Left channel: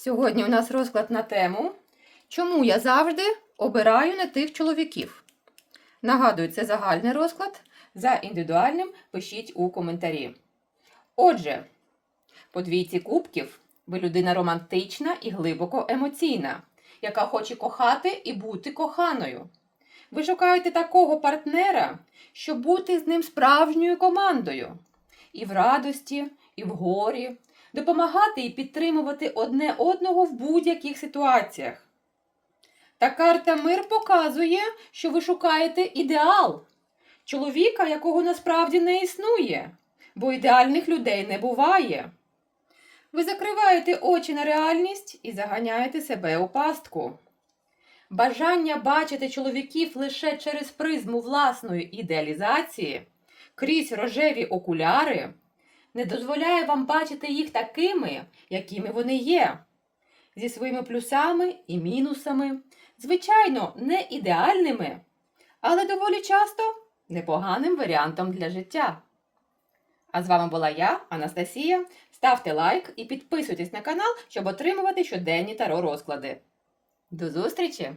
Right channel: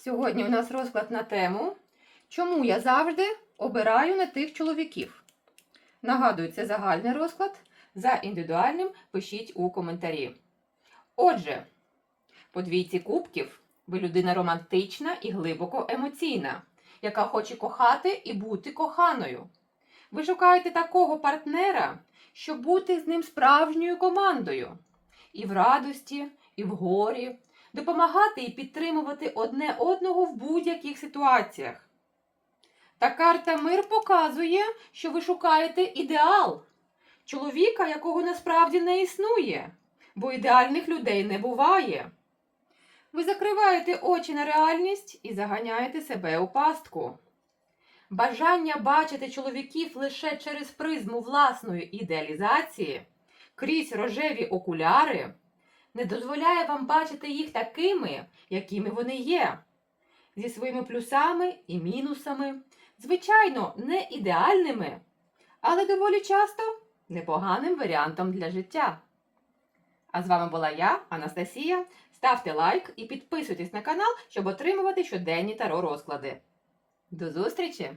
Сьогодні у нас розклад на тему, чому я завжди обираю не тих чоловіків. Нагадую, це загальний розклад. За індивідуальним пишіть у коментарі. Отже, по двійці кубків ви людина романтична і глибоко емоційна, яка хоче кохати і бути коханою. Ви шукаєте такого партнера, щоб бути з ним справжньою командою. І в радості, і в горі, допомагати і підтримувати одне одного в будь-яких ситуаціях. Та карта мир показує, що ви шукаєте ідеал чоловіка, якого насправді не існує, бо ідеальних людей не буває. Ви закриваєте очі на реальність і заганяєте себе у пастку. Бажання бачити чоловіків лише через призму власної ідеалізації, крізь рожеві окуляри, не дозволяє вам бачити їх такими, якими вони є, зі своїми плюсами і мінусами, звичайно, не ідеальними, але доволі часто непоганим варіантом для життя. А з вами була я, Анастасія. Ставте лайк і підписуйтесь на канал, щоб отримувати щоденні таро розклади. До зустрічі!